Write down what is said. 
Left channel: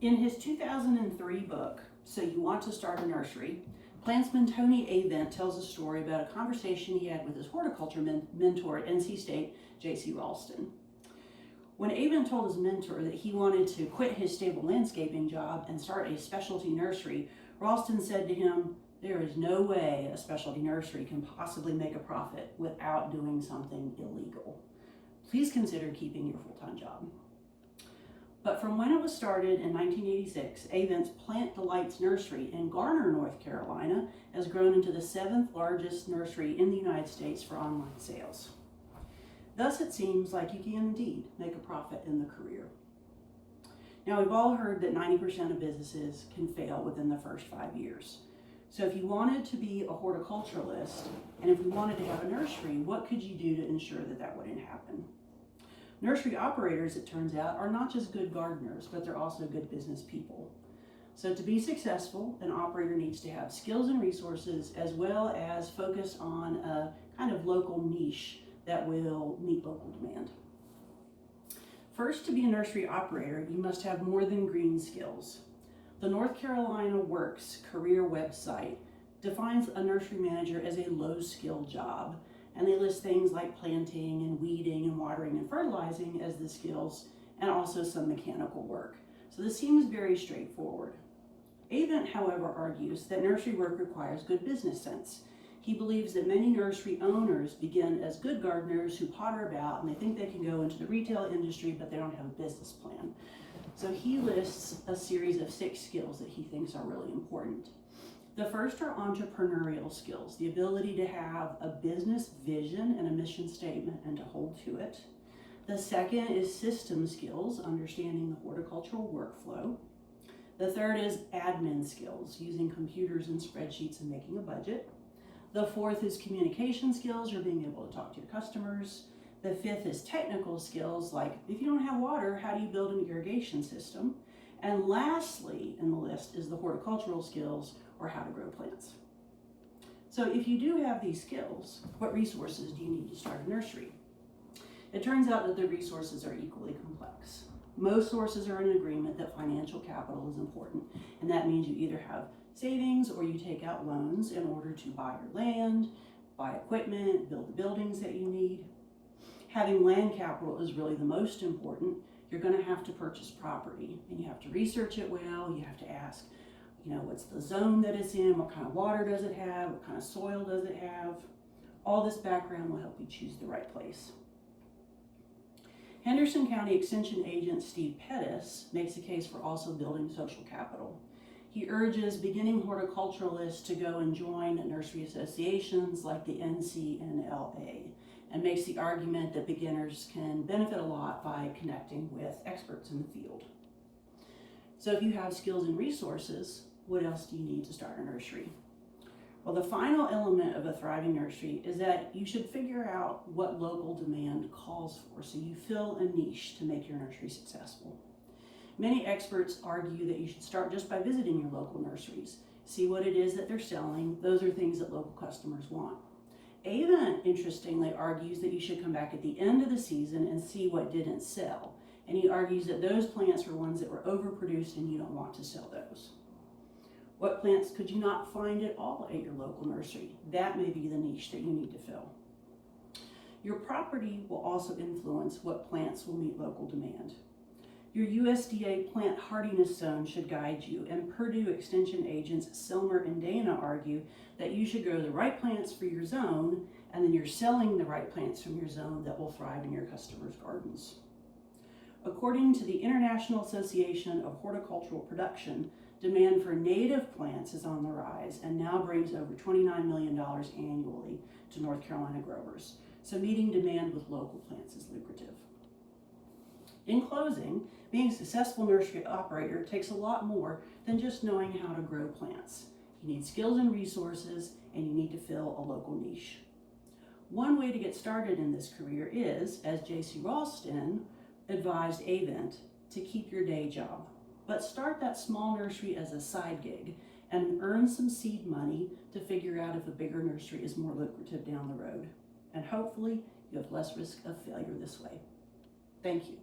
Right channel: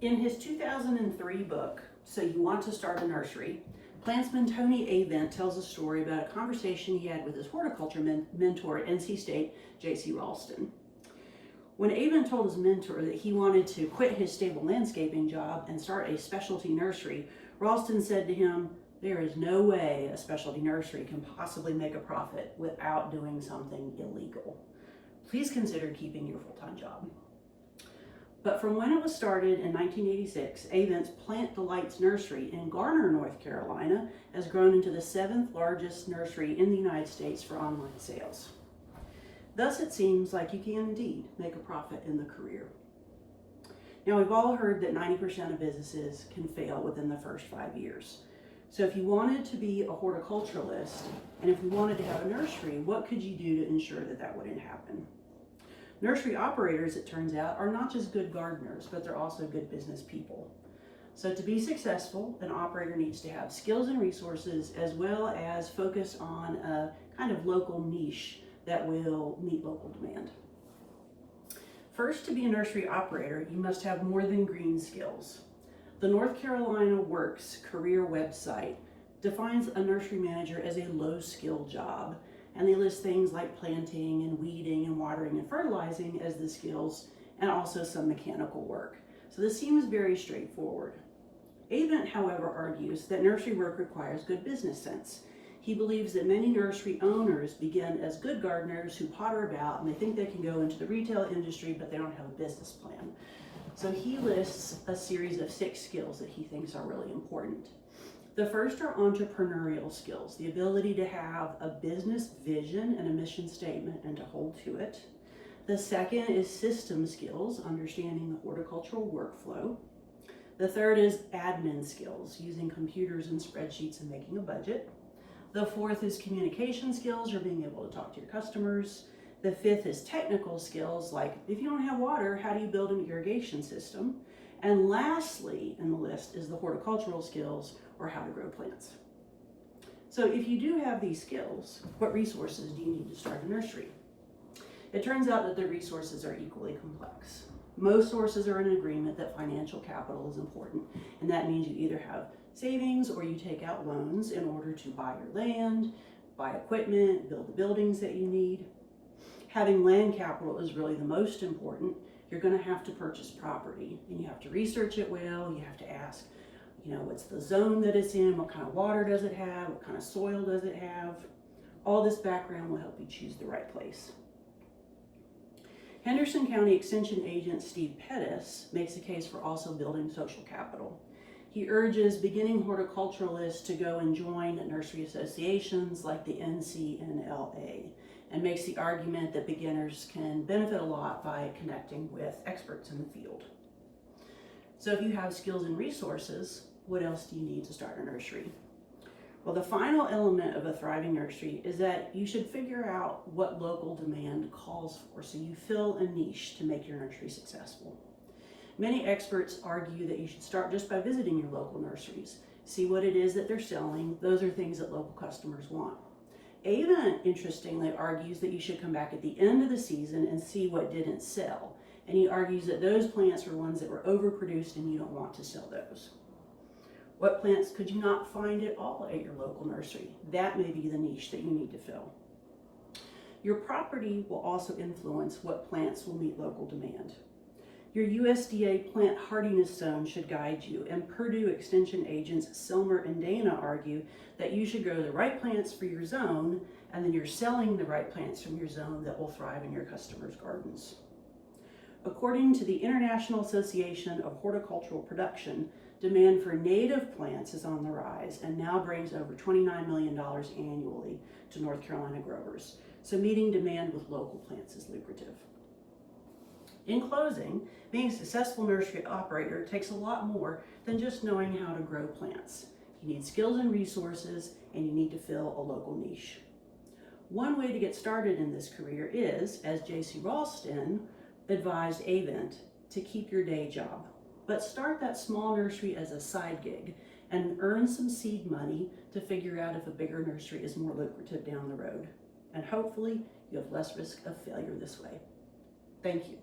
In his 2003 book, So You Want to Start a Nursery, plantsman Tony Avent tells a story about a conversation he had with his horticulture mentor at NC State, J.C. Ralston. When Avent told his mentor that he wanted to quit his stable landscaping job and start a specialty nursery, Ralston said to him, "There is no way a specialty nursery can possibly make a profit without doing something illegal. Please consider keeping your full-time job." But from when it was started in 1986, Avent's Plant Delights Nursery in Garner, North Carolina, has grown into the 7th largest nursery in the United States for online sales. Thus, it seems like you can indeed make a profit in the career. Now, we've all heard that 90% of businesses can fail within the first 5 years. So if you wanted to be a horticulturalist, and if you wanted to have a nursery, what could you do to ensure that that wouldn't happen? Nursery operators, it turns out, are not just good gardeners, but they're also good business people. So to be successful, an operator needs to have skills and resources, as well as focus on a kind of local niche that will meet local demand. First, to be a nursery operator, you must have more than green skills. The North Carolina Works career website defines a nursery manager as a low-skill job, and they list things like planting and weeding and watering and fertilizing as the skills, and also some mechanical work. So this seems very straightforward. Avent, however, argues that nursery work requires good business sense. He believes that many nursery owners begin as good gardeners who potter about and they think they can go into the retail industry, but they don't have a business plan. So he lists a series of 6 skills that he thinks are really important. The first are entrepreneurial skills, the ability to have a business vision and a mission statement and to hold to it. The second is system skills, understanding the horticultural workflow. The third is admin skills, using computers and spreadsheets and making a budget. The fourth is communication skills, or being able to talk to your customers. The fifth is technical skills, like if you don't have water, how do you build an irrigation system? And lastly in the list is the horticultural skills, or how to grow plants. So if you do have these skills, what resources do you need to start a nursery? It turns out that the resources are equally complex. Most sources are in agreement that financial capital is important, and that means you either have savings or you take out loans in order to buy your land, buy equipment, build the buildings that you need. Having land capital is really the most important. You're going to have to purchase property, and you have to research it well. You have to ask, what's the zone that it's in, what kind of water does it have, what kind of soil does it have. All this background will help you choose the right place. Henderson County Extension Agent Steve Pettis makes a case for also building social capital. He urges beginning horticulturalists to go and join nursery associations like the NCNLA, and makes the argument that beginners can benefit a lot by connecting with experts in the field. So if you have skills and resources, what else do you need to start a nursery? Well, the final element of a thriving nursery is that you should figure out what local demand calls for, so you fill a niche to make your nursery successful. Many experts argue that you should start just by visiting your local nurseries. See what it is that they're selling. Those are things that local customers want. Avent, interestingly, argues that you should come back at the end of the season and see what didn't sell. And he argues that those plants were ones that were overproduced and you don't want to sell those. What plants could you not find at all at your local nursery? That may be the niche that you need to fill. Your property will also influence what plants will meet local demand. Your USDA plant hardiness zone should guide you, and Purdue Extension agents Silmer and Dana argue that you should grow the right plants for your zone, and then you're selling the right plants from your zone that will thrive in your customers' gardens. According to the International Association of Horticultural Production, demand for native plants is on the rise and now brings over $29 million annually to North Carolina growers. So meeting demand with local plants is lucrative. In closing, being a successful nursery operator takes a lot more than just knowing how to grow plants. You need skills and resources, and you need to fill a local niche. One way to get started in this career is, as J.C. Ralston advised Avent, to keep your day job. But start that small nursery as a side gig and earn some seed money to figure out if a bigger nursery is more lucrative down the road. And hopefully you have less risk of failure this way. Thank you.